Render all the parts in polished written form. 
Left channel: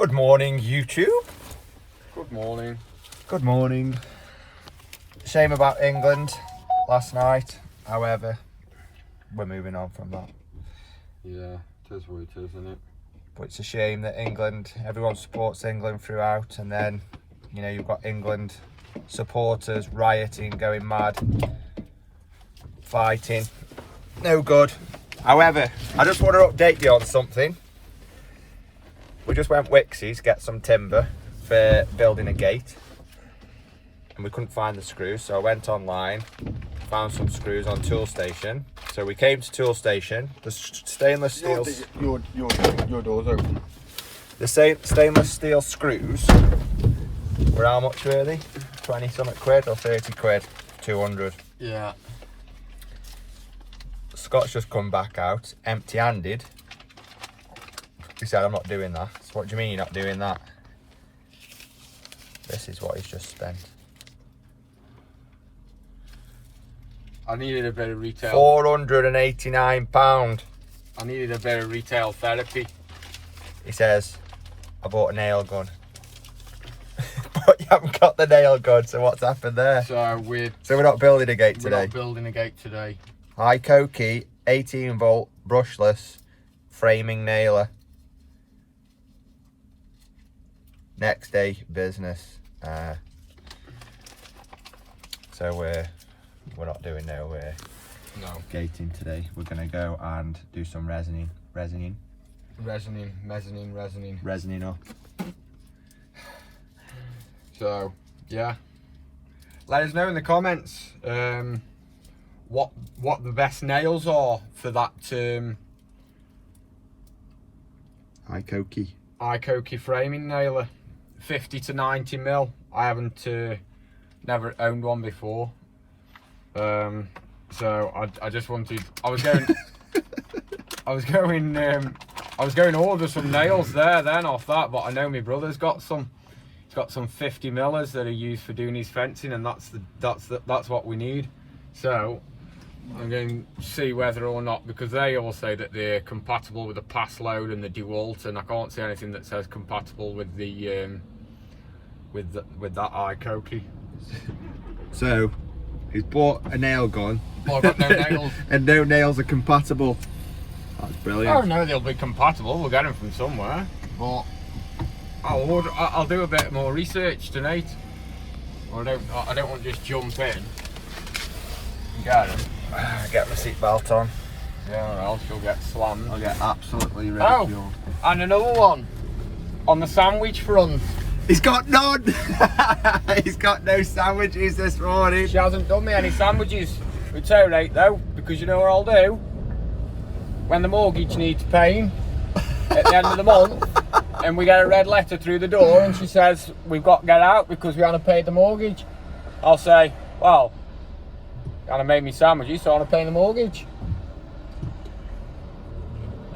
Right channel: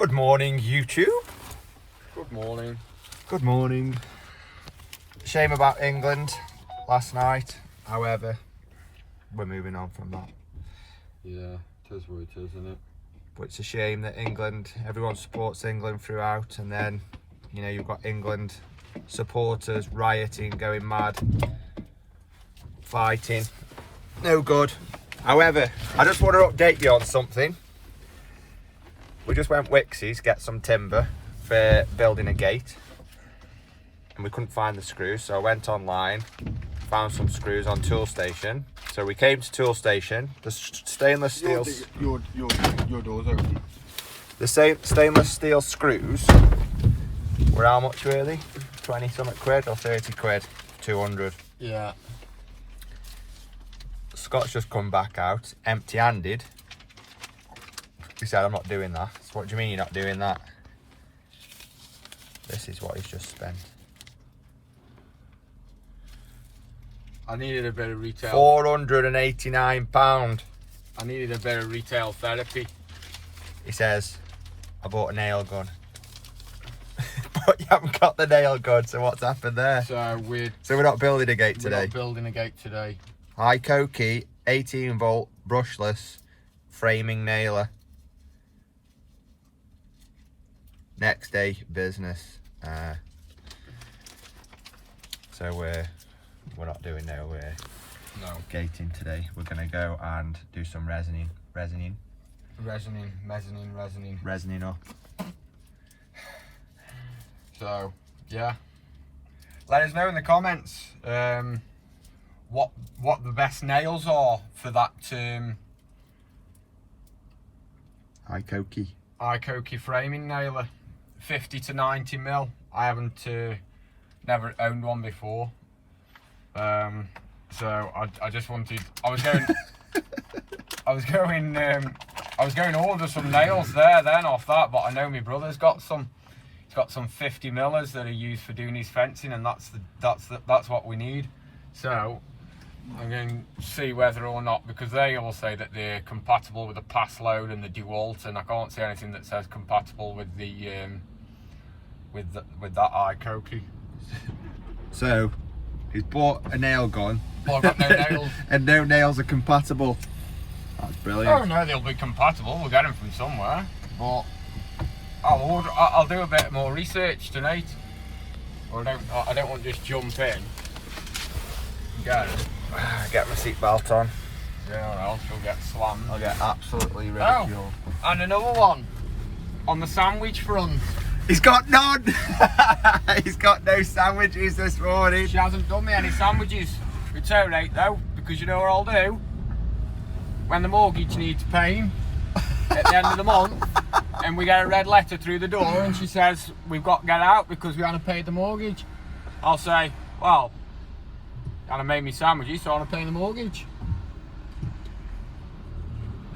Good morning, YouTube. Good morning. Good morning. Shame about England last night. However, we're moving on from that. Yeah, it is what it is, isn't it? But it's a shame that England, everyone supports England throughout, and then, you know, you've got England supporters rioting, going mad, fighting. No good. However, I just want to update you on something. We just went Wixies, get some timber for building a gate, and we couldn't find the screws, so I went online, found some screws on Toolstation. So we came to Toolstation. The stainless steel, Your door's open. the stainless steel screws were how much really? 20 something quid or 30 quid? 200. Yeah. Scott's just come back out empty-handed. He said, I'm not doing that. So what do you mean you're not doing that? This is what he's just spent. I needed a bit of retail. £489. I needed a bit of retail therapy. He says, I bought a nail gun. But you haven't got the nail gun, so what's happened there? So we're not building a gate today. We're not building a gate today. High Koki, 18 volt, brushless, framing nailer. Next day business. So we're not doing no gating today. We're gonna go and do some resining up. So yeah, let us know in the comments what the best nails are for that High Koki Koki framing nailer, 50 to 90 mil. I haven't never owned one before. So I just wanted. I was going to order some nails there then off that, but I know my brother's got some. He's got some 50 millers that are used for doing his fencing, and that's what we need. So I'm going to see whether or not, because they all say that they're compatible with the pass load and the DeWalt, and I can't see anything that says compatible with the with that iCokie. So he's bought a nail gun. Well, I've got no nails. And no nails are compatible. That's brilliant. Oh no, they'll be compatible. We'll get them from somewhere. But I'll do a bit more research tonight. Or I don't want to just jump in. Get my seatbelt on. Yeah, or else you'll get slammed. I'll get absolutely ridiculed. Oh, and another one on the sandwich front. He's got none. He's got no sandwiches this morning. She hasn't done me any sandwiches. It's alright though, because you know what I'll do? When the mortgage needs paying at the end of the month, and we get a red letter through the door and she says we've got to get out because we haven't paid the mortgage, I'll say, well, you haven't made me sandwiches, so I'm paying the mortgage.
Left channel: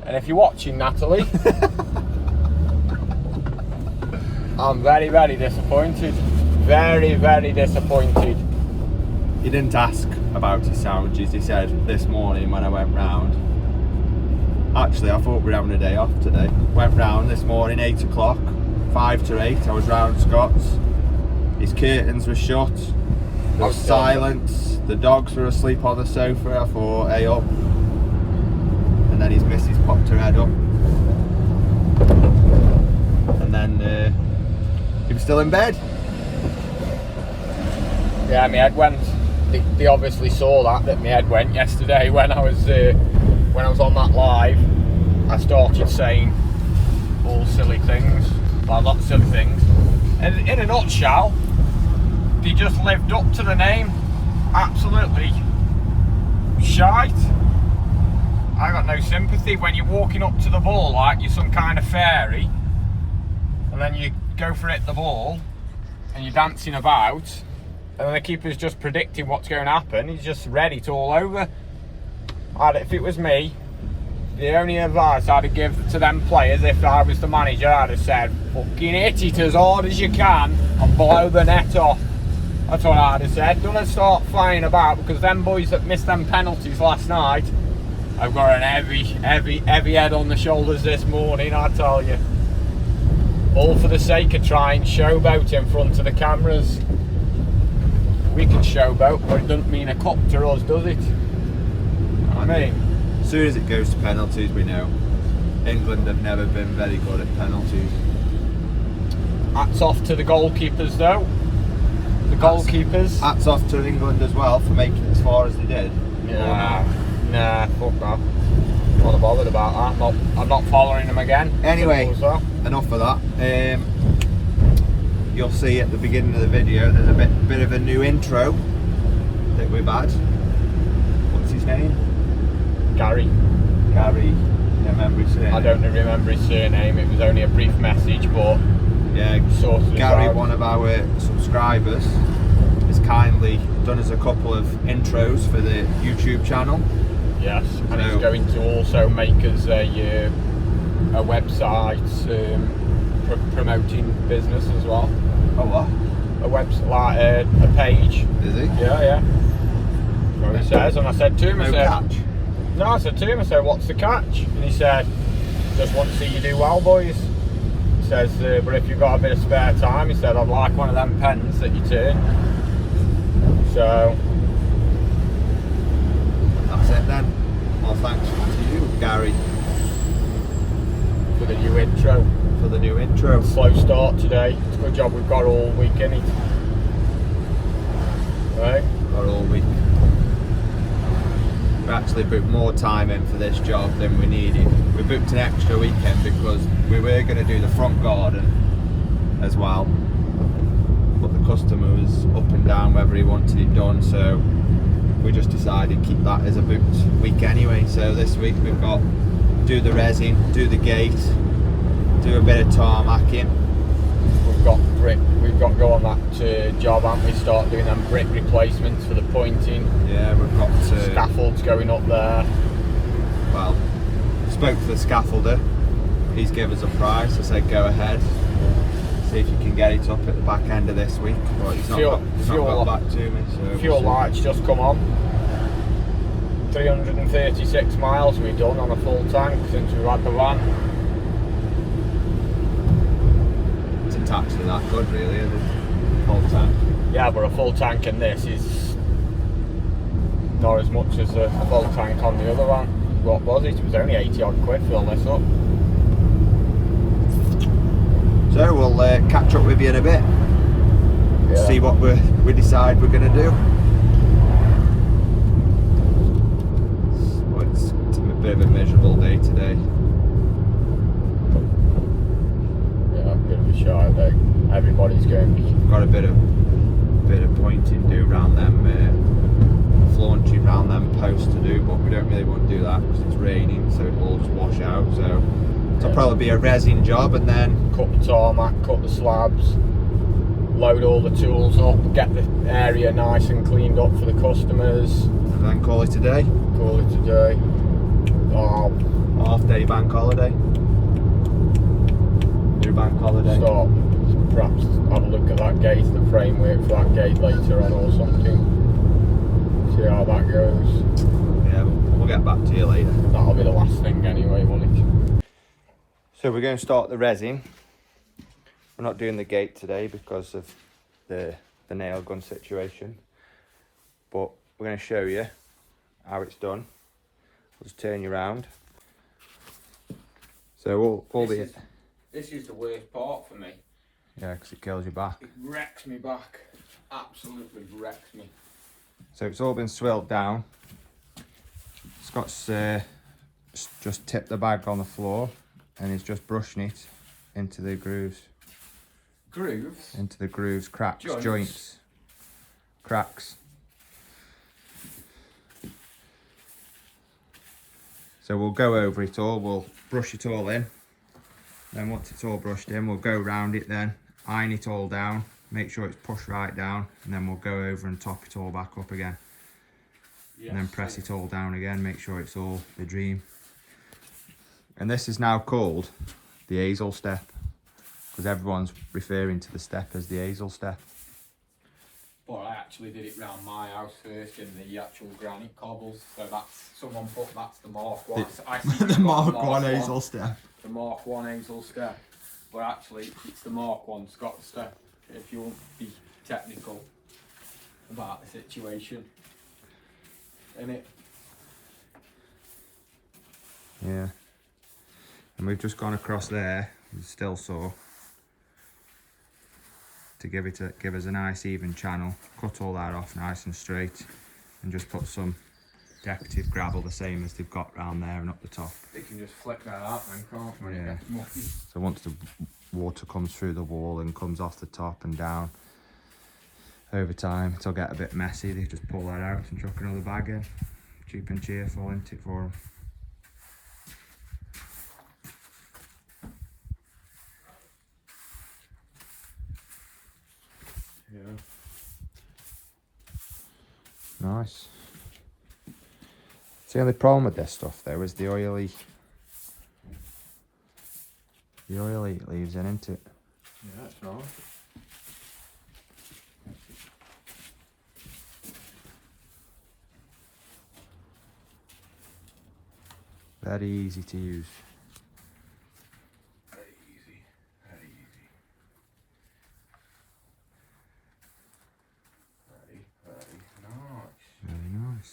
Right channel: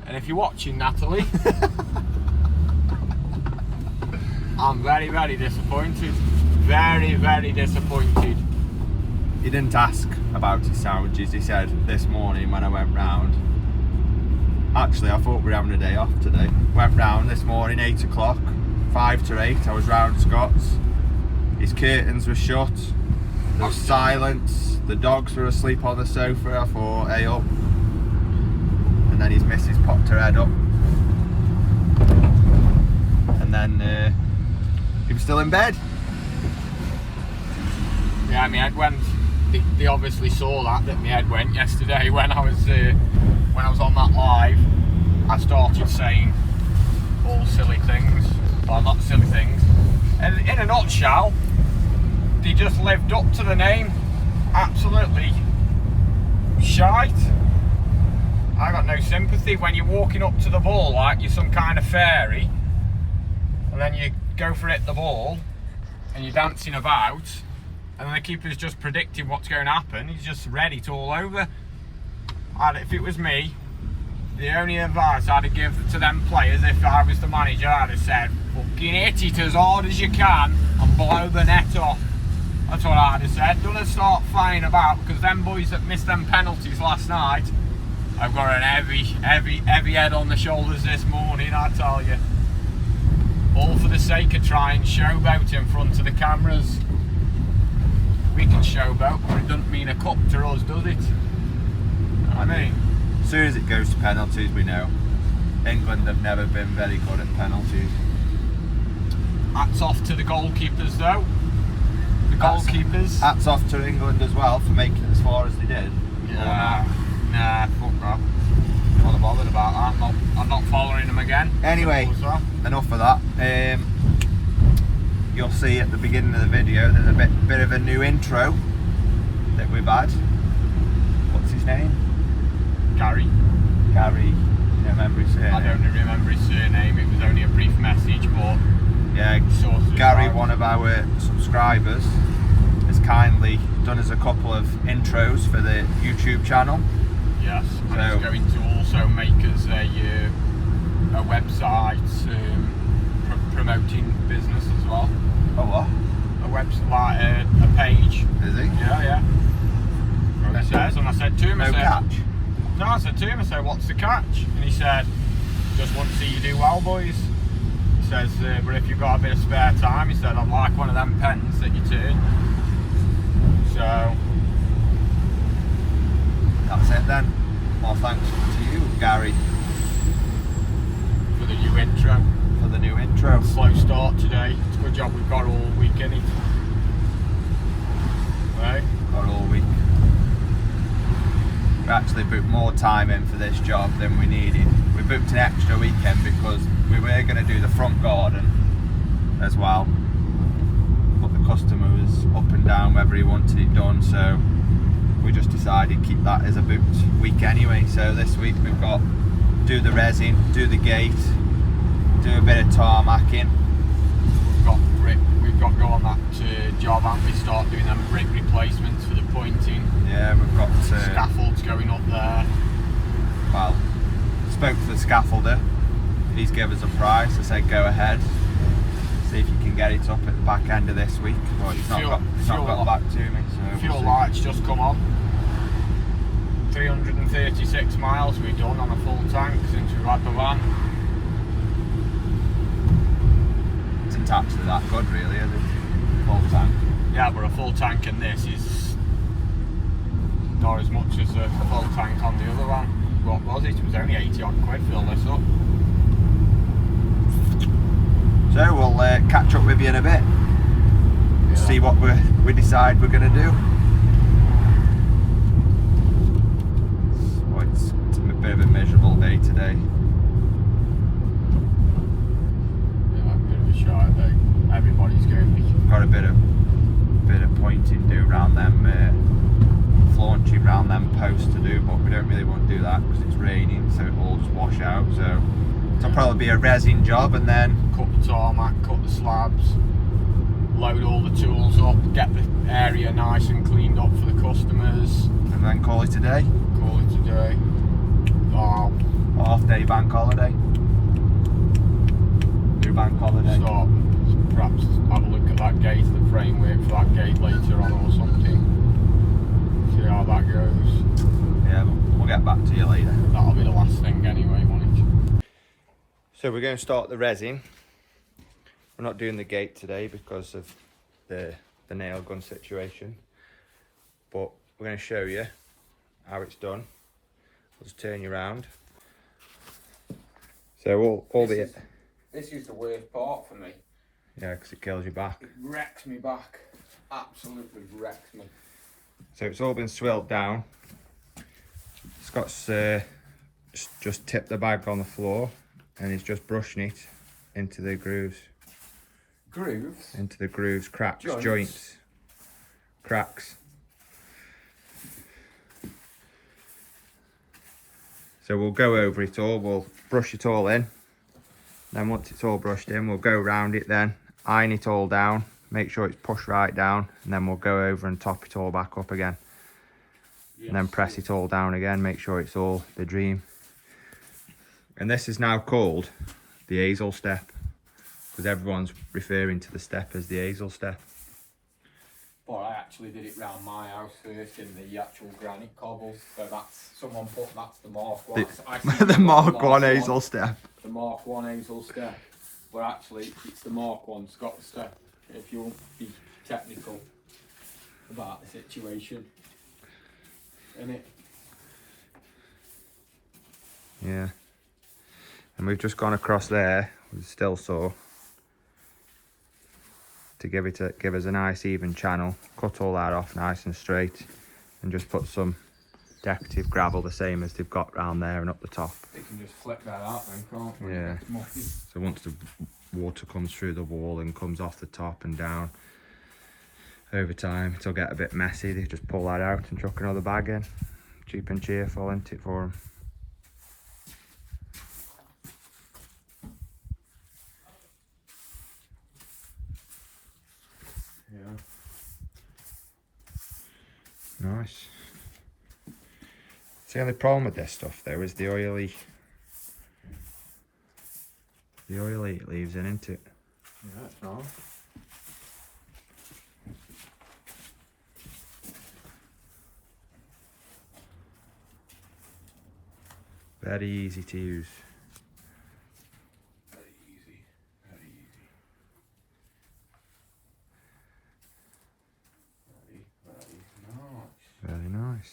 And if you're watching, Natalie, I'm very, very disappointed. Very, very disappointed. He didn't ask about his sandwiches. He said this morning when I went round. Actually, I thought we were having a day off today. Went round this morning, 8 o'clock, 5 to 8. I was round Scott's. His curtains were shut. There was silence. The dogs were asleep on the sofa. I thought, hey up. And then his missus popped her head up. And then he was still in bed. Yeah, my head went. They obviously saw that my head went yesterday when I was on that live. I started saying all silly things. Well, not silly things. And in a nutshell, they just lived up to the name. Absolutely shite. I got no sympathy when you're walking up to the ball like you're some kind of fairy, and then you go for it the ball and you're dancing about, and then the keeper's just predicting what's going to happen. He's just ready to all over. If it was me, the only advice I'd give to them players, if I was the manager, I'd have said, fucking hit it as hard as you can and blow the net off. That's what I'd have said. Don't start flying about, because them boys that missed them penalties last night, I've got an heavy head on the shoulders this morning, I tell you. All for the sake of trying showboat in front of the cameras. We can showboat, but it doesn't mean a cup to us, does it? I mean, as soon as it goes to penalties, we know England have never been very good at penalties. hats off to the goalkeepers though. The goalkeepers. Hats off to England as well for making it as far as they did. Nah, fuck that. Not bothered about that. I'm not following them again. Anyway, enough of that. You'll see at the beginning of the video there's a bit of a new intro that we've had. What's his name? Gary. Gary. I don't remember his surname. I don't remember his surname. It was only a brief message, but yeah, Gary, one of our subscribers, has kindly done us a couple of intros for the YouTube channel. Yes, and he's going to also make us a website promoting business as well. Oh what? A website, like a page. Is he? Yeah. Well, he says, and I said to him, I said to him, I said, what's the catch? And he said, just want to see you do well, boys. He says, but if you've got a bit of spare time, he said, I'd like one of them pens that you turn. So that's it then. Well, thanks to you, Gary, for the new intro. For the new intro. Slow start today. It's a good job we've got all week in it. Right? Got all week. We actually booked more time in for this job than we needed. We booked an extra weekend because we were going to do the front garden as well, but the customer was up and down whether he wanted it done, so we just decided to keep that as a booked week anyway. So this week we've got do the resin, do the gate, do a bit of tarmacking. We've got to go on that job, haven't we? Start doing them brick replacements for the pointing. Yeah, we've got scaffolds going up there. Well, spoke to the scaffolder. He's given us a price. I said go ahead. See if you can get it up at the back end of this week. But he's not got back to me. So fuel lights just come on. 336 miles we've done on a full tank since we had the van. It's actually that good, really, isn't it? Full tank. Yeah, but a full tank in this is not as much as a full tank on the other one. What was it? It was only 80 odd quid fill this up. So we'll catch up with you in a bit. Yeah. See what we decide we're going to do. It's a bit of a miserable day today. Shy day. Everybody's going. Got a bit of pointing to do round them, flaunching round them posts to do, but we don't really want to do that because it's raining, so it will just wash out. So it'll probably be a resin job, and then cut the tarmac, cut the slabs, load all the tools up, get the area nice and cleaned up for the customers, and then call it a day. Call it a day. Half day bank holiday. Bank holiday. So perhaps have a look at that gate, the framework for that gate later on or something. See how that goes. Yeah, we'll get back to you later. That'll be the last thing anyway, won't it? So we're going to start the resin. We're not doing the gate today because of the nail gun situation, but we're going to show you how it's done. We'll just turn you around. So all the This is the worst part for me. Yeah, because it kills your back. It wrecks me back. Absolutely wrecks me. So it's all been swilled down. Scott's just tipped the bag on the floor and he's just brushing it into the grooves. Grooves? Into the grooves, cracks, joints, cracks. So we'll go over it all, we'll brush it all in. Then once it's all brushed in, we'll go round it then, iron it all down, make sure it's pushed right down, and then we'll go over and top it all back up again. Yes. And then press it all down again, make sure it's all the dream. And this is now called the Hazel step, because everyone's referring to the step as the Hazel step. But I actually did it round my house first in the actual granite cobbles, so that's the Mark 1. The Mark 1 Hazel step. The Mark 1 Hazel step. but actually it's the Mark 1 Scott step, if you want to be technical about the situation. Isn't it? Yeah. And we've just gone across there with still saw to give us a nice even channel. Cut all that off nice and straight, and just put some decorative gravel the same as they've got round there and up the top. You can just flick that out then, can't you? Yeah. So once the water comes through the wall and comes off the top and down, over time it'll get a bit messy. They just pull that out and chuck another bag in. Cheap and cheerful, isn't it, for them? Yeah. Nice. The only problem with this stuff though is the oily it leaves in, isn't it? Yeah, that's nice. Very easy to use. Very easy, very easy. Very nice. Very nice.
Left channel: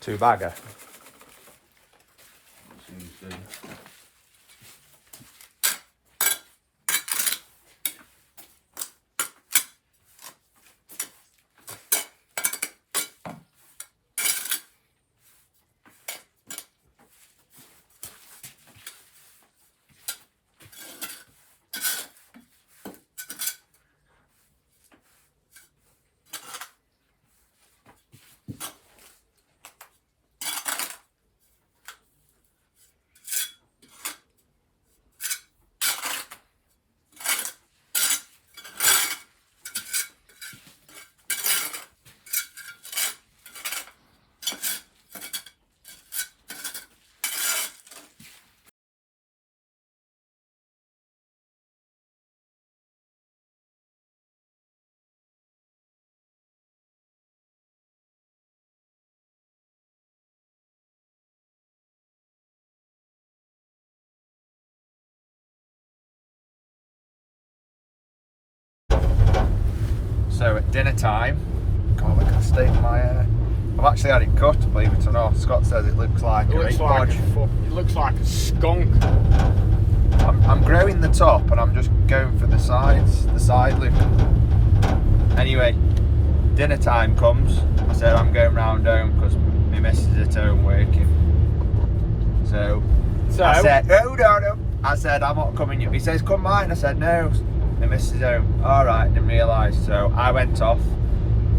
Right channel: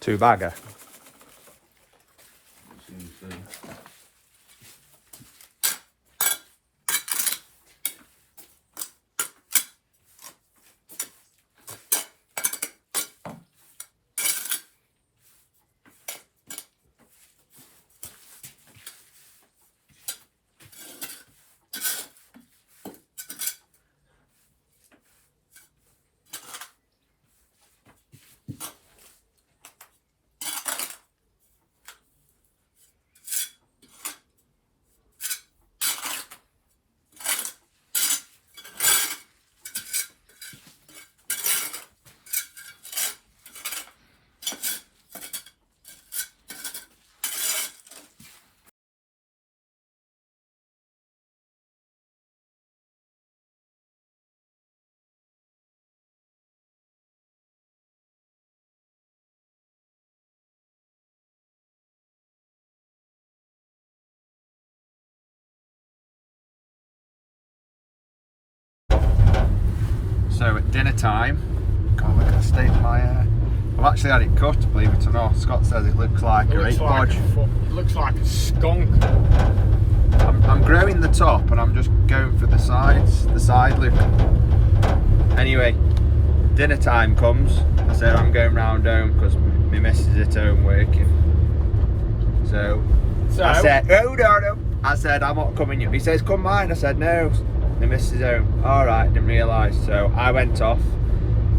Two bagger. So at dinner time, God, look at the state of my hair. I've actually had it cut, believe it or not. Scott says it looks like a rape bodge. It looks like a skunk. I'm growing the top and I'm just going for the sides, the side look. Anyway, dinner time comes. I said I'm going round home because my missus is at home working. So I said, oh no. I said, I'm not coming. He says, come mine. I said, no. My missus is home. Alright, didn't realise. So I went off.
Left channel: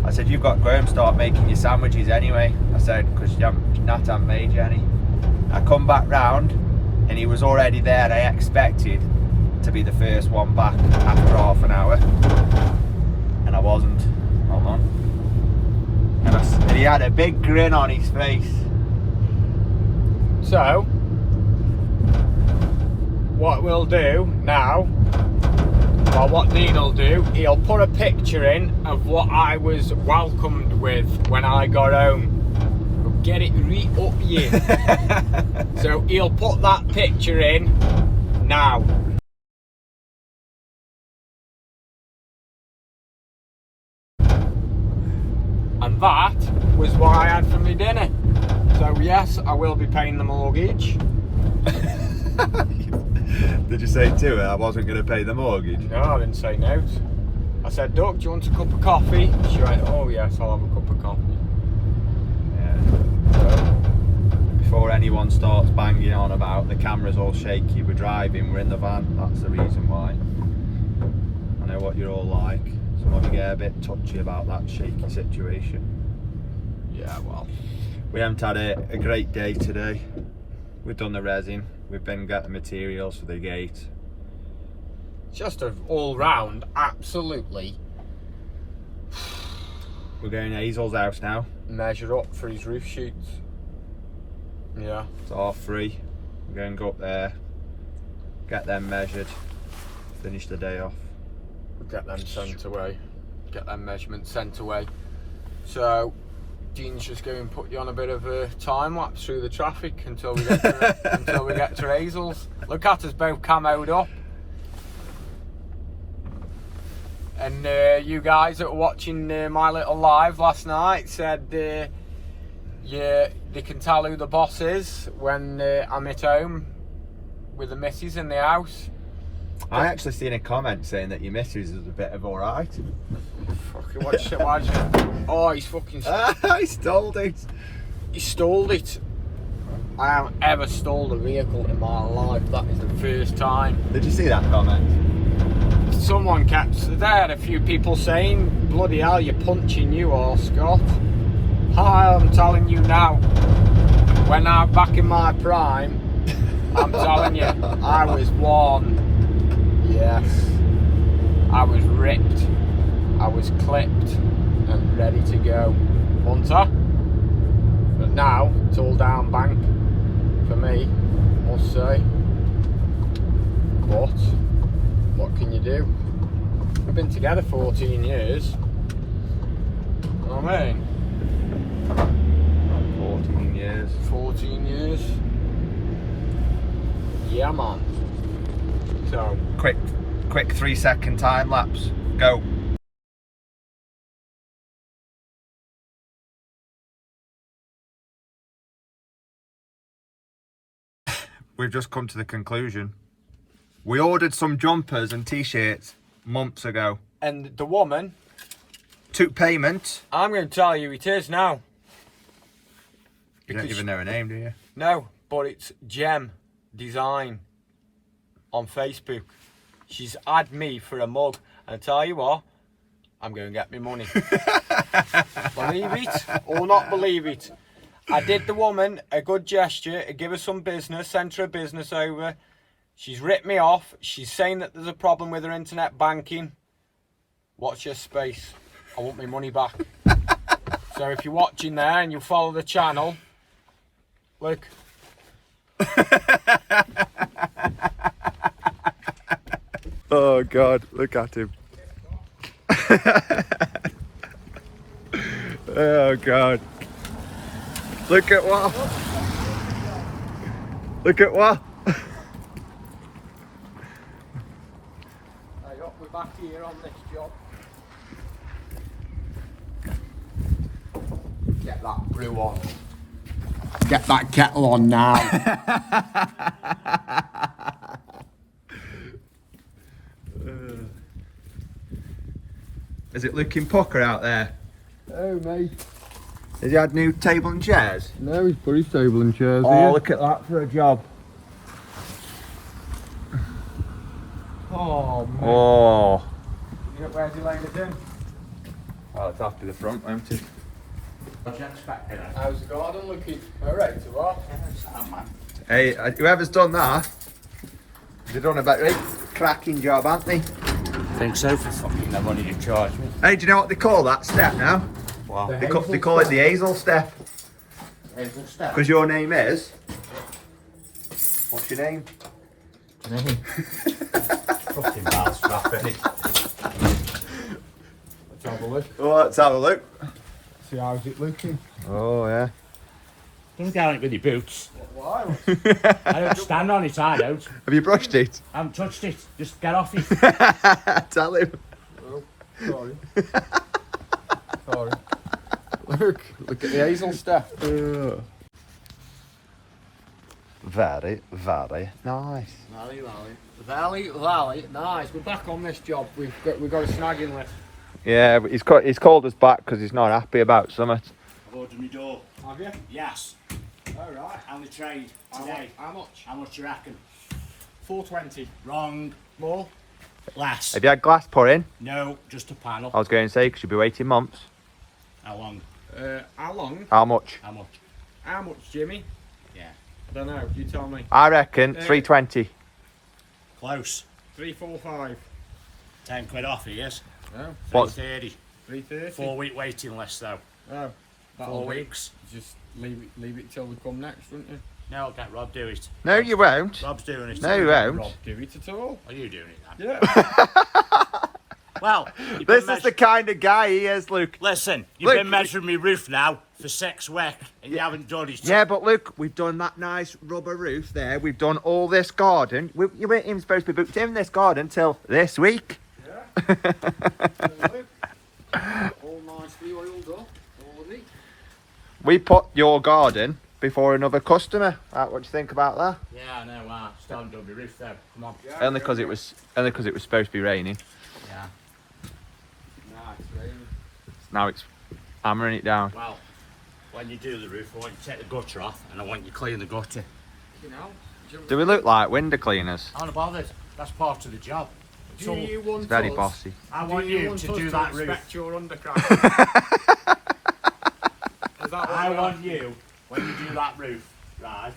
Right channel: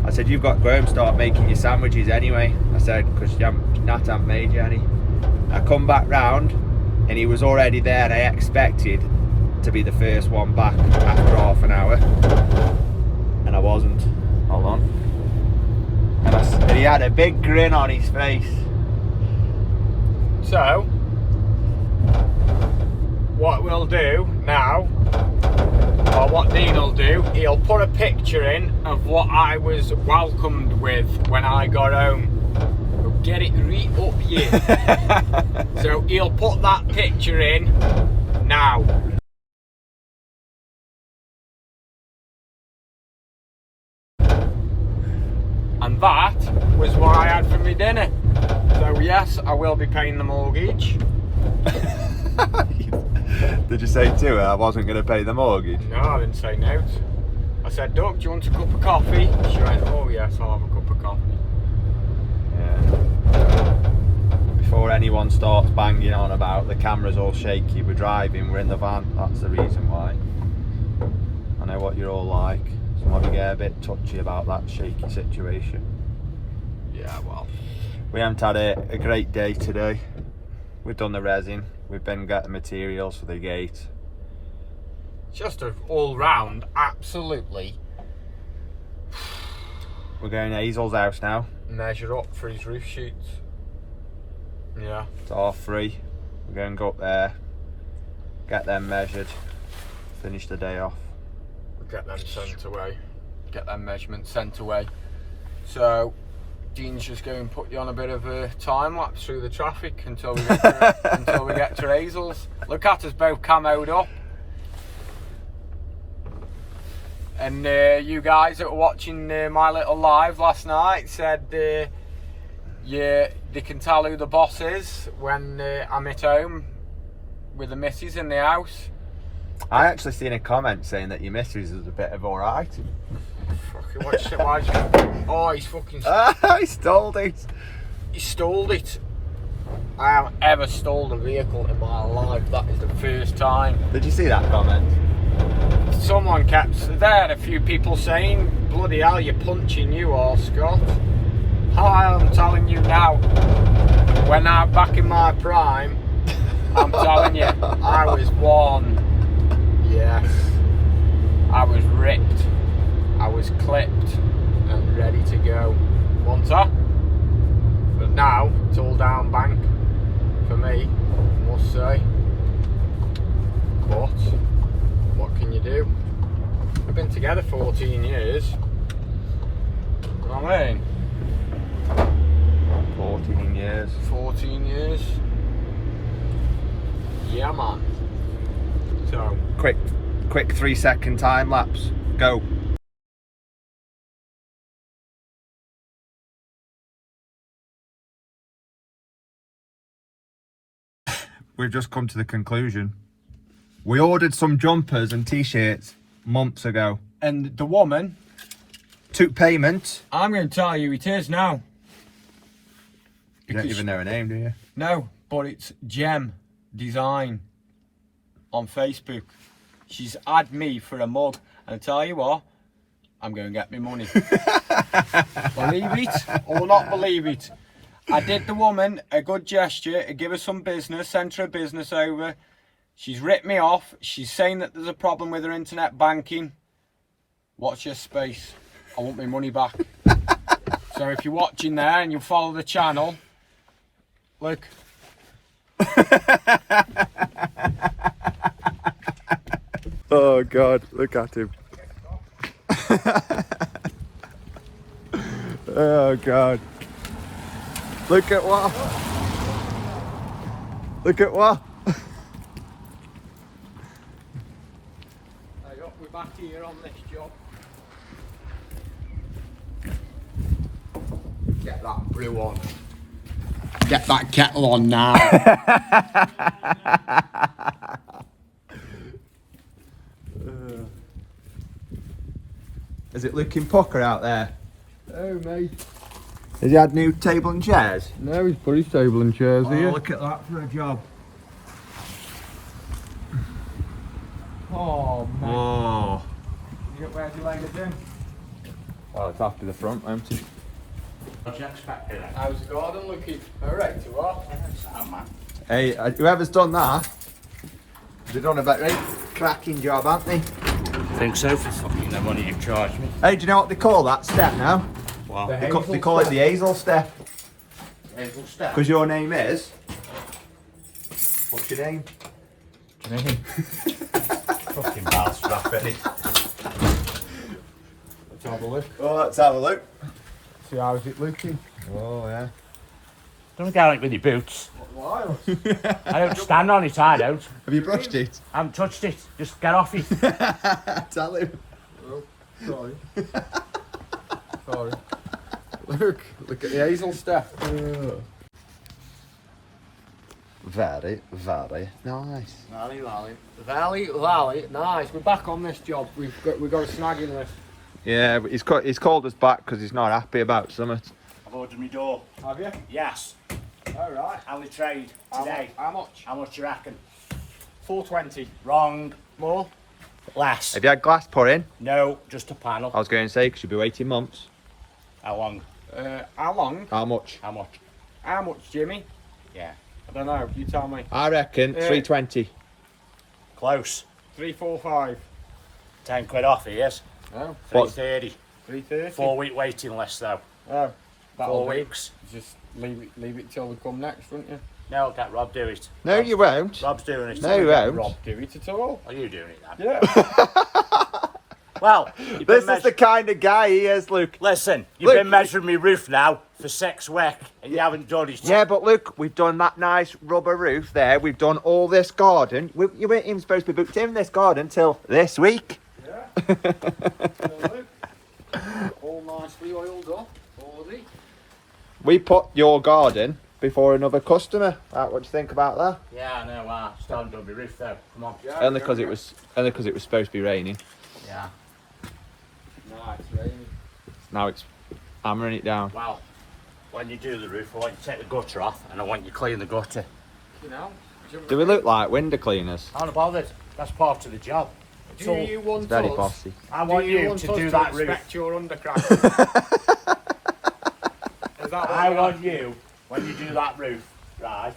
I said, you've got to go home, start making your sandwiches anyway. I said, because Nat haven't made you any. I come back round and he was already there and I expected to be the first one back after half an hour. And I wasn't. Hold on. And he had a big grin on his face. So, what we'll do now, or what Dean will do, he'll put a picture in of what I was welcomed with when I got home. We'll get it right up here. So he'll put that picture in now. And that was what I had for my dinner. So yes, I will be paying the mortgage. Did you say to her I wasn't going to pay the mortgage? No, I didn't say no. I said, Doug, do you want a cup of coffee? She went, oh yes, I'll have a cup of coffee. So, before anyone starts banging on about the camera's all shaky, we're driving, we're in the van, that's the reason why. I know what you're all like, so you get a bit touchy about that shaky situation. Yeah, well, We haven't had a great day today. We've done the resin. We've been getting materials for the gate. Just an all round, absolutely. We're going to Hazel's house now. Measure up for his roof sheets. Yeah. It's all free. We're going to go up there, get them measured, finish the day off. Get them sent away. Get them measurements sent away. So, Dean's just going to put you on a bit of a time lapse through the traffic until we get to, until we get to Hazel's. Look at us both camoed up. And you guys that were watching my little live last night said, yeah, they can tell who the boss is when I'm at home with the missus in the house. I actually seen a comment saying that your missus is a bit of alright. Fucking watch it, watch. Oh, he's fucking. He stole it. He stole it. I haven't ever stole a vehicle in my life. That is the first time. Did you see that comment? Someone kept. There had a few people saying, "Bloody hell, you're punching you all, Scott." I'm telling you now. When I'm back in my prime, I'm telling you, I was one. Yes, I was ripped, I was clipped and ready to go, wasn't I? But now it's all down bank for me, I must say. But what can you do? We've been together 14 years. You know what I mean? 14 years. 14 years. Yeah, man. So, Quick 3-second time lapse. Go. We've just come to the conclusion. We ordered some jumpers and t-shirts months ago. and the woman, Took payment. I'm going to tell you it is now. You don't even know her name, do you? No, but it's Gem Design on Facebook. She's had me for a mug, and I tell you what, I'm going to get my money. Believe it or not believe it. I did the woman a good gesture to give her some business, sent her a business over. She's ripped me off. She's saying that there's a problem with her internet banking. Watch your space. I want my money back. So if you're watching there and you follow the channel, look. Oh God, look at him. Oh God. Look at what? Look at what? We're back here on this job. Get that brew on. Get that kettle on now. Is it looking pucker out there? Oh mate. Has he had new table and chairs? No, he's put his table and chairs here. Look at that for a job. Oh man. Oh. Where's he laying it down? Oh, it's after the front, empty. How's the garden looking? Alright, to what? Hey, whoever's done that, they've done a very cracking job, haven't they? Think so for fucking the money you charge me. Hey, do you know what they call that step now? Wow. They call it the Hazel step. Hazel step. Because your name is... What's your name? Me. Fucking ball strap, eh? Let's have a look. Oh, let's have a look. See how's it looking? Oh, yeah. Don't get out with your boots. Wow. I don't stand on it, I don't. Have you brushed it? I haven't touched it. Just get off it. Tell him. Oh, sorry. Sorry. Look at the Hazel stuff. Very, very nice. Valley, nice. We're back on this job. We've got a snagging list. Yeah, but he's called us back because he's not happy about something. I've ordered my door. Have you? Yes. Alright. How we trade today? How much? How much you reckon? 420. Wrong. More? Less. Have you had glass put in? No, just a panel. I was going to say, because you'll be waiting months. How long? How long? How much? How much? How much, Jimmy? Yeah. don't know. You tell me. I reckon 320. Close. 345. 10 quid off, he is. Oh. 330. 330. 4 week waiting list though. Oh. 4 weeks. Just leave it till we come next, wouldn't you? No, get Rob do it. No, you won't. Rob's doing it. No, you won't. Rob, do it at all. Are you doing it then? Yeah. Well, This is the kind of guy he is, Luke. Listen, you've Look, been measuring me roof now for 6 weeks and you haven't done it. Yeah, but look, we've done that nice rubber roof there. We've done all this garden. You weren't even supposed to be booked in this garden till this week. Yeah. All nicely oiled up. All of it. We put your garden before another customer. Right, what do you think about that? Yeah, I know. Wow, still haven't done my roof though. Come on. Yeah, Only because it was supposed to be raining. Yeah. Nah, it's raining. Now it's hammering it down. Well, when you do the roof, I want you to take the gutter off and I want you to clean the gutter. You know. Do we look like window cleaners? I'm not bothered. That's part of the job. It's all- you want It's very us? bossy. I want you want to us do that roof. inspect your undercraft? Is that what I we're want on? you, when you do that roof, right,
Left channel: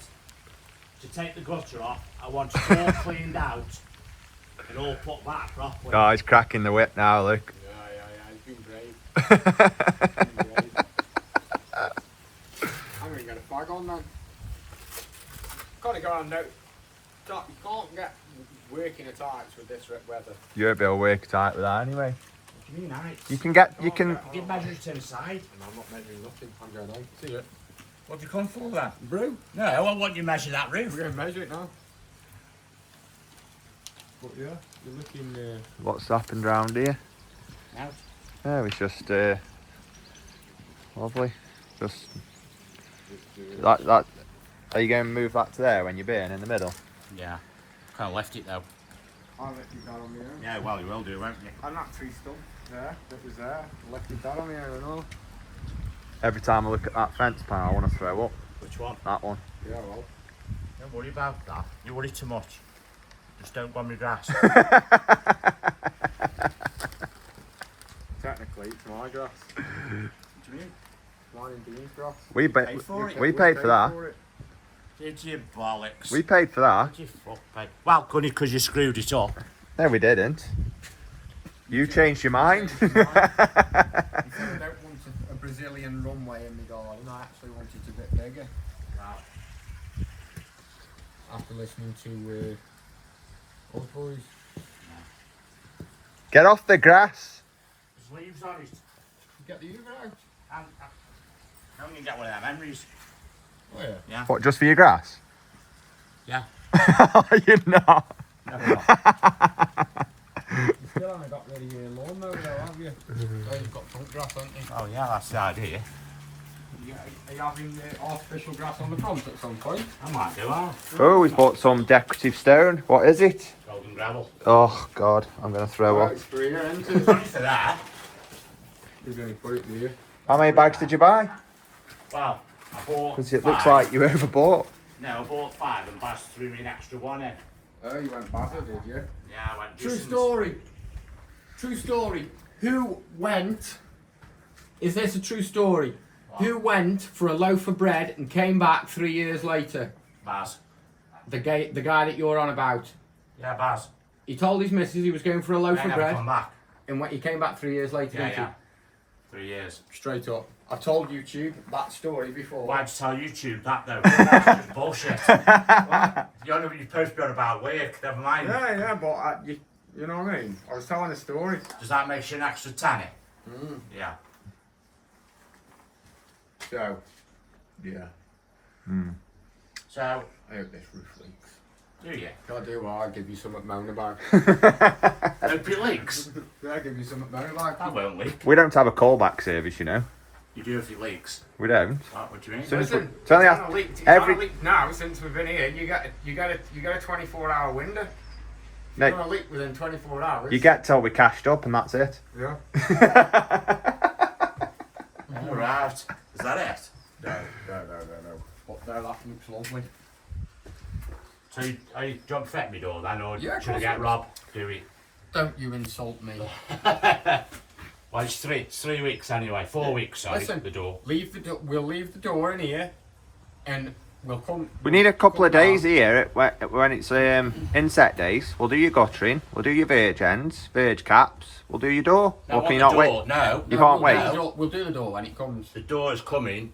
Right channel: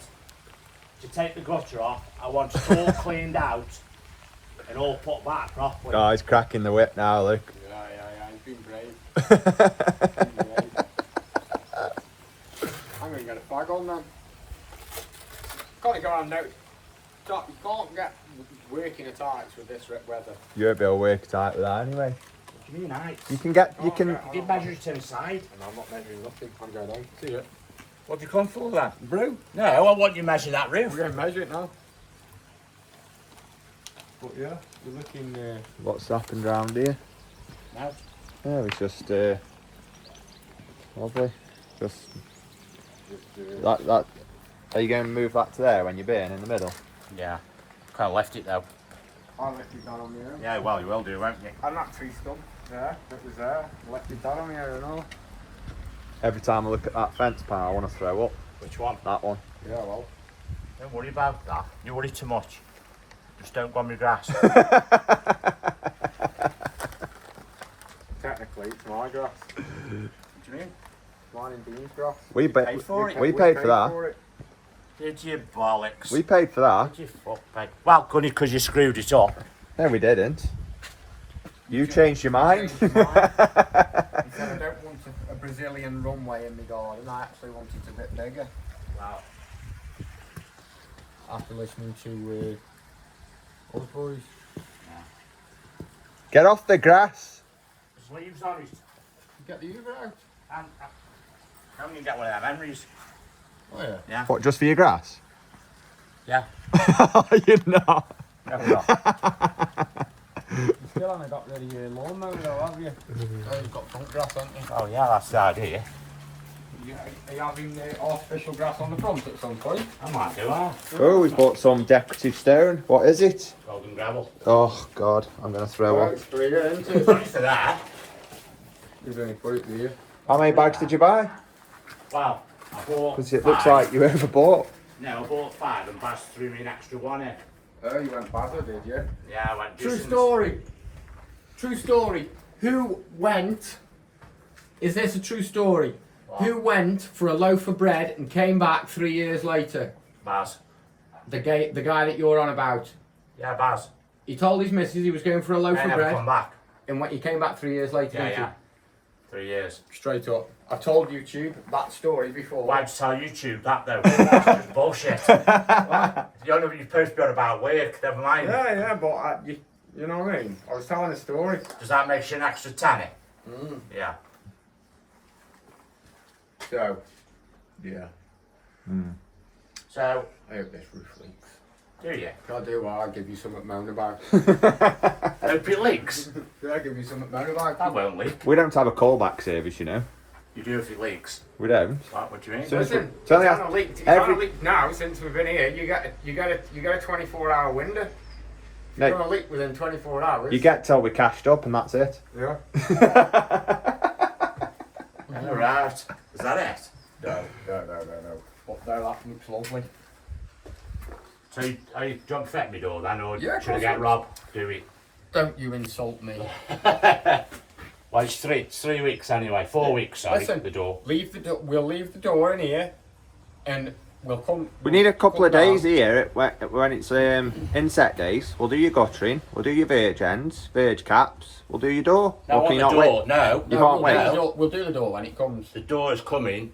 to take the gutter off. I want it all cleaned out and all put back properly. Oh, he's cracking the whip now, Luke. Yeah. He's been brave. I'm gonna get a flag on then. Can't go on now. You can't get working at heights with this weather. You won't be able to work tight with that anyway. What do you mean, heights? You can get, you can. You measure it inside. And I'm not measuring nothing. I'm going home. See it. What do you come for then? Brew? No, I want you to measure that We're roof. going to measure it now. But yeah, you're looking. What's happened round here? No. Yeah, it's just lovely. Just that. Are you going to move that to there when you're being in the middle? Yeah. Kind of left it though. I left it down on my own. Yeah, well, you will do, won't you? And that tree stump there, that was there. Left it down on my own and all. Every time I look at that fence panel, I want to throw up. Which one? That one. Yeah, well. Don't worry about that. You worry too much. Just don't go on my grass. Technically, it's my grass. What do you mean? Mine and Dean's grass. We Pay for it. We paid for that. it. Did you bollocks? We paid for that. Did you fuck pig? Well, only because you screwed it up. No, we didn't. You changed your mind. He said, I don't want a Brazilian runway in my garden. I actually want it a bit bigger. Wow. After listening to other boys. Get off the grass. There's leaves on it. Get the Uber out. I'm going to get one of them Henrys. Oh yeah. Yeah. What, just for your grass? Yeah. You're not. Never got. You still haven't got ready your lawnmower though, have you? Oh, you've got front grass, haven't you? Oh, yeah, that's the idea. Are you having artificial grass on the front at some point? I might do that. Oh, he's bought some decorative stone. What is it? Golden gravel. Oh, God. I'm going to throw up. It's free, isn't it? Thanks for that. You're going to put it here. How many bags did you buy? Well, I bought Because it looks 5. like you overbought. No, I bought 5 and Baz threw me an extra one in. Oh, you went Bazza, did you? Yeah, I went True distance. story. True story. Who went? Is this a true story? What? Who went for a loaf of bread and came back 3 years later? Baz. The guy that you're on about. Yeah, Baz. He told his missus he was going for a loaf I of never bread, come back. and when he came back 3 years later. Yeah, didn't yeah. 3 years. he? Straight up. I've told YouTube that story before. Why'd you tell YouTube that though? That's just bullshit. You don't know what you're supposed to be on about work, never mind. Yeah, but you know what I mean? I was telling a story. Does that make you an extra 10? Yeah. So, yeah. So, I hope this roof leaks. do you? If I do, I'll give you something to moan about. Hope it leaks. I'll give you something to moan about. That won't leak. We don't have a callback service, you know. You do if it leaks. We don't. What do you mean? So it's Listen, it's only it's after not leaked. It's every- not leaked now since we've been here. You get a 24-hour window. You're No, gonna leak within 24 hours. you get till we're cashed up and that's it. Yeah. Alright. Is that it? No. But no, that looks lovely. So, are you jump fet me door then, or Yeah, of should I course get it- Rob to do it? Don't you insult me. Well, it's 3 weeks anyway. 4 weeks, sorry, Listen. the door. We'll leave the door in here, and We'll come. We need a couple of come days round. here when it's inset days. We'll do your guttering. We'll do your verge ends, verge caps. We'll do your door. No, Or can you on not the door. wait? No. You can't wait. We'll do the door when it comes. The door is coming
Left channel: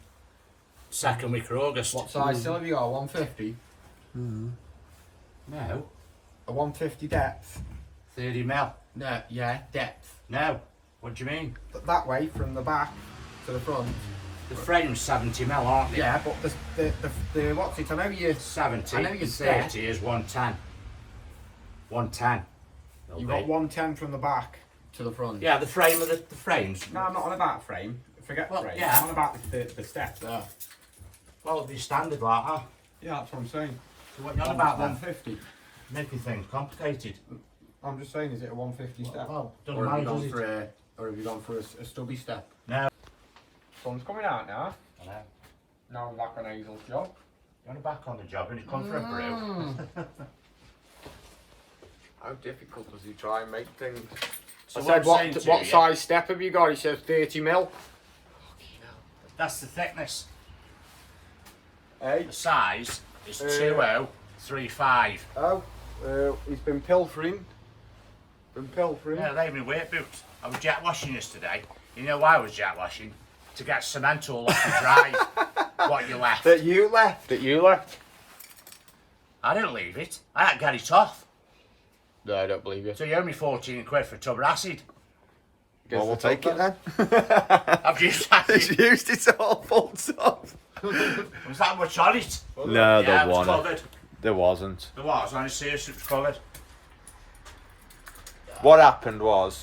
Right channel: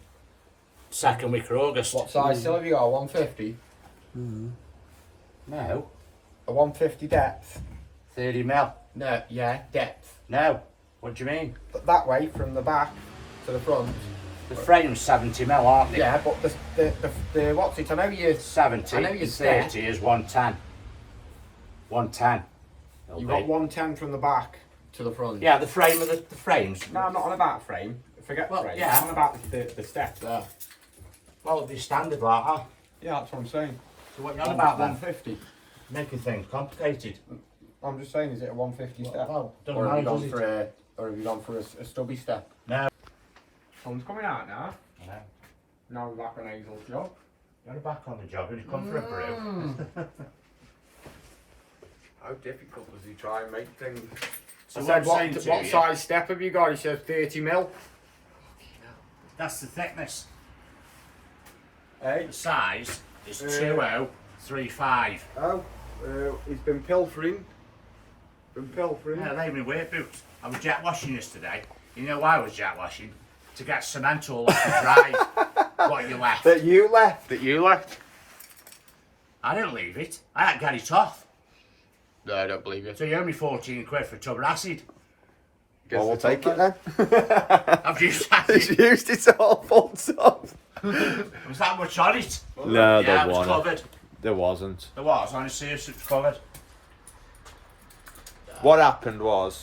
second week of August. What size still have you got? 150? No. A 150 depth? 30 mil. No, yeah, depth. No. What do you mean? But that way, from the back to the front. The frame's 70 mil, aren't they? Yeah, but the what's it? I know you. 70. I know you're 30 is 110. 110. You got 110 from the back to the front. Yeah, the frame of the frames. No, I'm not on about frame. Forget Well, frame. yeah. I'm on about the step there. Well, it'd be standard like that. Yeah, that's what I'm saying. So what you on about then? 150. Making things complicated. I'm just saying, is it a 150 step? Well, doesn't Or have you matter, gone does for it? or have you gone for a stubby step? No. Sun's coming out now. I know. Now we're back on Hazel's job. You're back on the job and you come for a brew. How difficult does he try and make things? So I what said, I'm saying to what you, size step have you got? He says 30 mil. That's the thickness. Hey? The size is 2035. Oh, he's been pilfering. Yeah, they've been weight boots. I was jack washing yesterday. You know why I was jack washing? To get cement all off the drive. What you left. That you left. That you left. I didn't leave it. I had to get it off. No, I don't believe you. So you owe me 14 quid for a tub of acid. Well, we'll take it then. I've used He's acid. used it all full stop. Was that much on it? No, Yeah, there it was wasn't. covered. There wasn't. There was, honestly, it was covered. What happened was.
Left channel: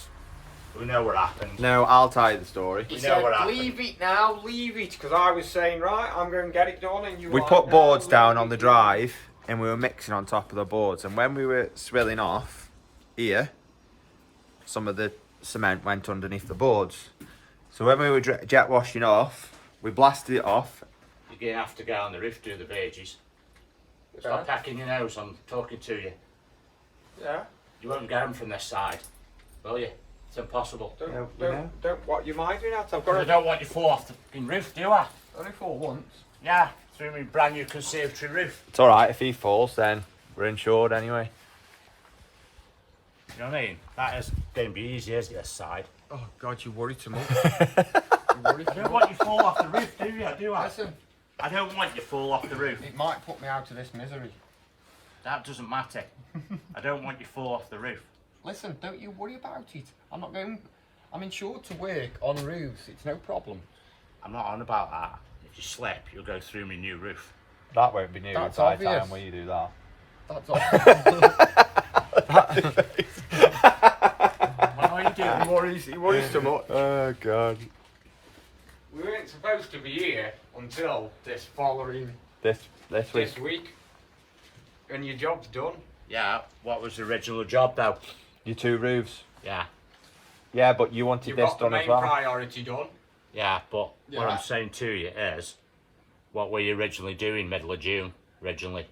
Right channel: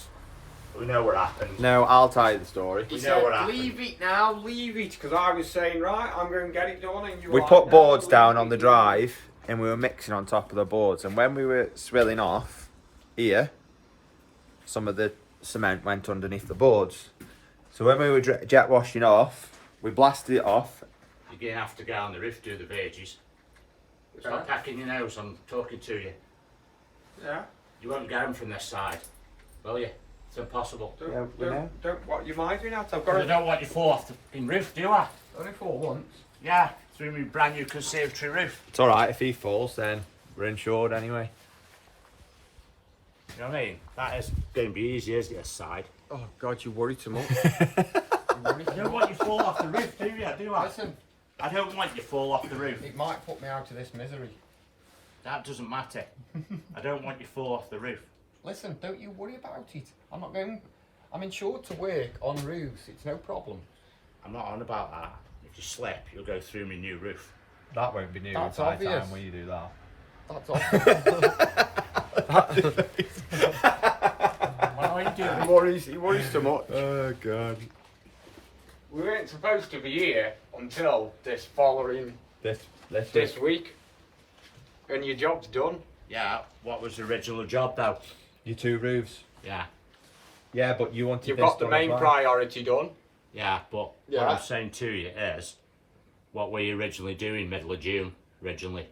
We know what happened. No, I'll tell you the story. He We said, know what happened. leave it now, leave it. Because I was saying, right, I'm going to get it done. And you We were put like, boards no, down leave on the it. drive and we were mixing on top of the boards. And when we were swilling off here, some of the cement went underneath the boards. So when we were jet washing off, we blasted it off. You're going to have to go on the roof, do the verges. Stop Yeah. packing your nose, I'm talking to you. Yeah. You won't get them from this side, will you? It's impossible. Don't, Yeah, we know. don't, what you might do now. I've got Because I it. don't want you to fall off the fucking roof, do I? Only for once. Yeah, through my brand new conservatory roof. It's alright, if he falls then we're insured anyway. You know what I mean? That is going to be easy, isn't it, this side? Oh, God, you worry too much. You worry I too don't much. want you to fall off the roof, do you? Do I? Listen, I don't want you to fall off the roof. it might put me out of this misery. That doesn't matter. I don't want you to fall off the roof. Listen, don't you worry about it. I'm insured to work on roofs. It's no problem. I'm not on about that. If you slip, you'll go through my new roof. That won't be new That's in obvious. time when you do that. That's all. What are you doing? He worries too much. Oh god. We weren't supposed to be here until this following This this week. And your job's done. Yeah, what was the original job though? your 2 roofs. Yeah, Yeah, but you wanted You've this got the done as main well. priority done. yeah, but what Yeah. I'm saying to you is, what were you originally doing middle of June, originally?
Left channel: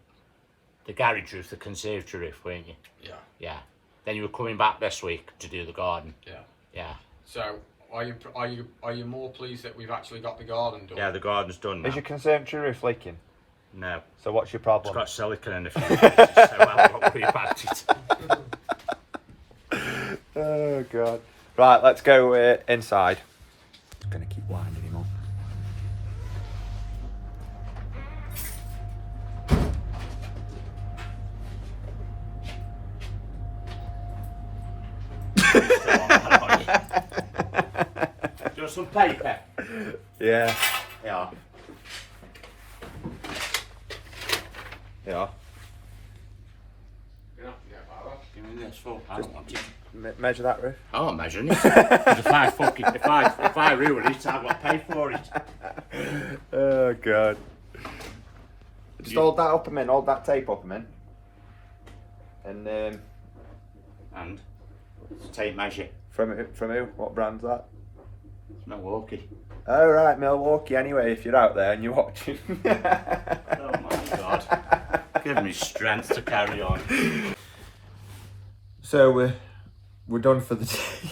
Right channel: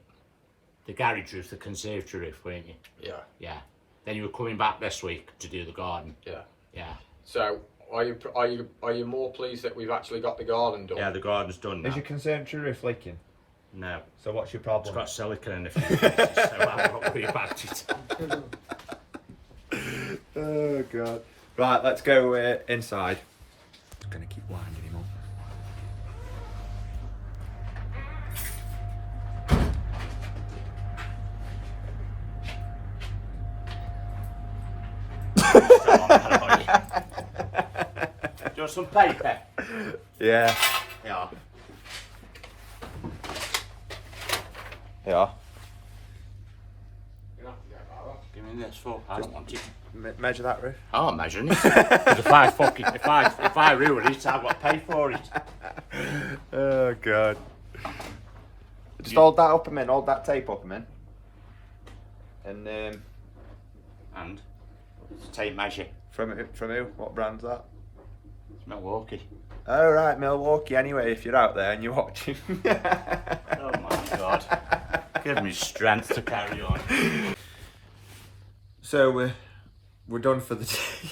The garage roof, the conservatory roof, weren't you? Yeah. Yeah. Then you were coming back this week to do the garden. Yeah. Yeah. So are you more pleased that we've actually got the garden done? Yeah, the garden's done now. Is your conservatory roof leaking? No. So what's your It's problem? got silicone in a few places, so I'm not worried about it. Oh god. Right, let's go inside. I'm gonna keep winding him up. Do you want some paper? Yeah. Yeah. Yeah. Give me this full. I don't want it. Measure that roof. I'm not measuring it. 'Cause if I ruin it, I've got to pay for it. Oh god. Just hold that up a minute, hold that tape up a minute. And And tape measure. from who? What brand's that? Milwaukee. Oh right, Milwaukee anyway, if you're out there and you're watching. Oh my god. Give me strength to carry on. So we're done for the day.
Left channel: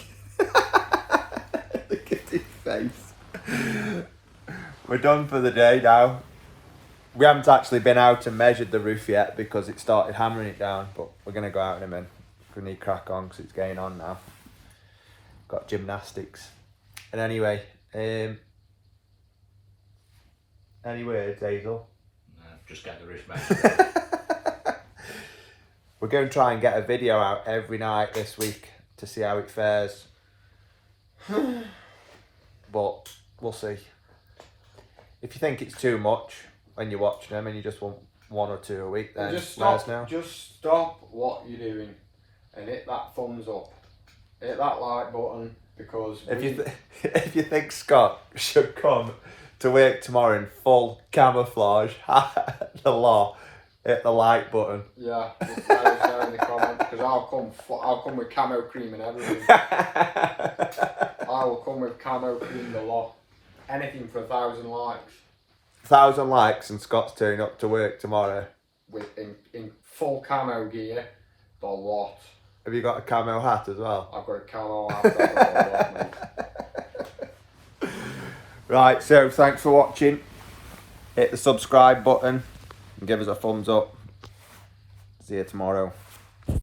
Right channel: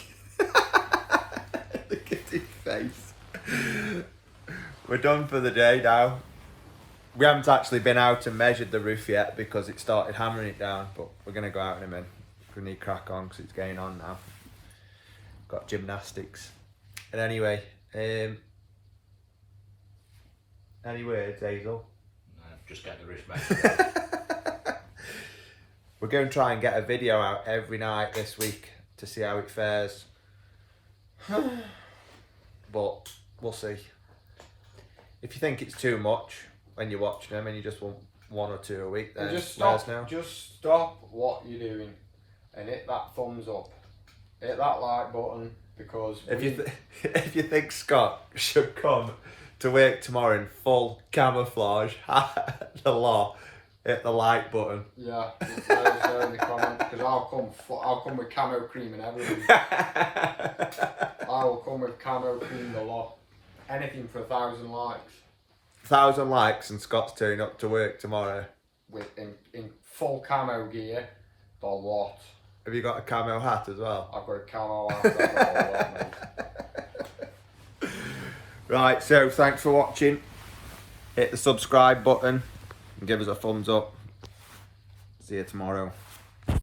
Look at his face. We're done for the day now. We haven't actually been out and measured the roof yet because it started hammering it down, but we're going to go out in a minute. We need crack on because it's getting on now. Got gymnastics. And anyway, any words, Hazel? No, just get the roof measured. We're going to try and get a video out every night this week to see how it fares. But we'll see. If you think it's too much when you're watching them and you just want 1 or 2 a week, then just let us stop. know. Just stop what you're doing and hit that thumbs up. Hit that like button because If you think Scott should come to work tomorrow in full camouflage, the law, hit the like button. yeah, just let us know in the comments because I'll come with camo cream and everything. I will come with camo cream the lot. Anything for 1,000 likes. 1,000 likes and Scott's turning up to work tomorrow. With in full camo gear, the lot. Have you got a camo hat as well? I've got a camo hat. I've got all that, mate. Right, so thanks for watching. Hit the subscribe button and give us a thumbs up. See you tomorrow.